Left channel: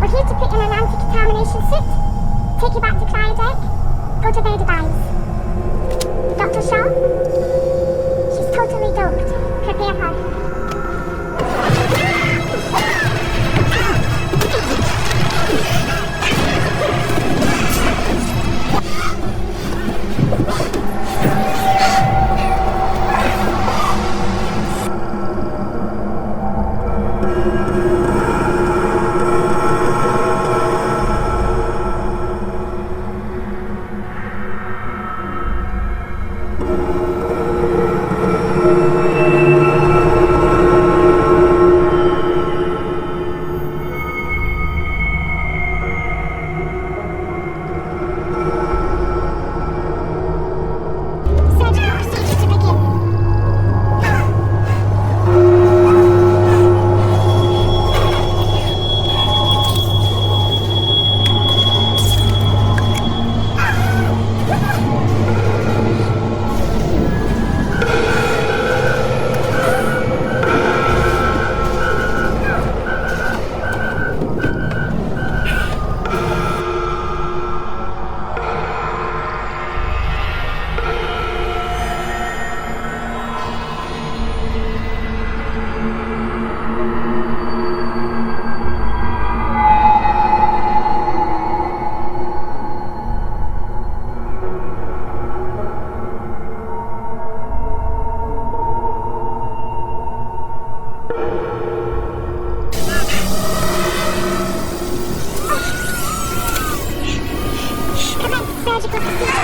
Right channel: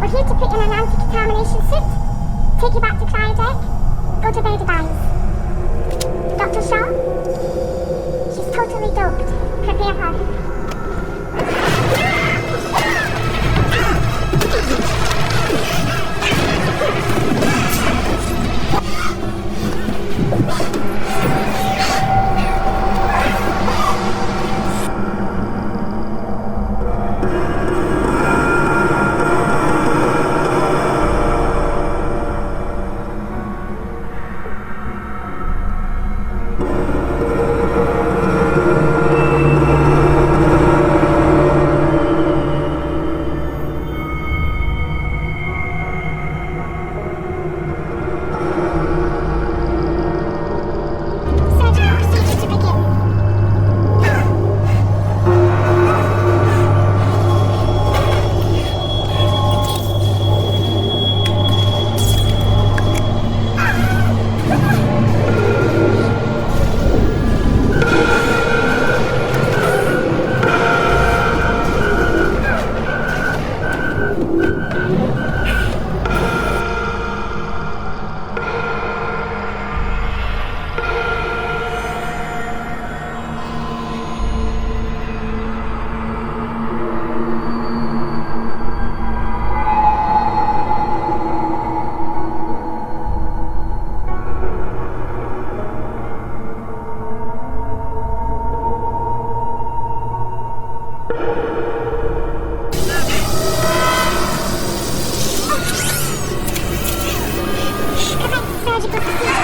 We're here to put in an anti-contamination suit, take you back to cryodeck, go to bed advised. Dr. Shaw? She's totally doped. Prepare her. Surgical procedure to begin. Commence surgical procedure.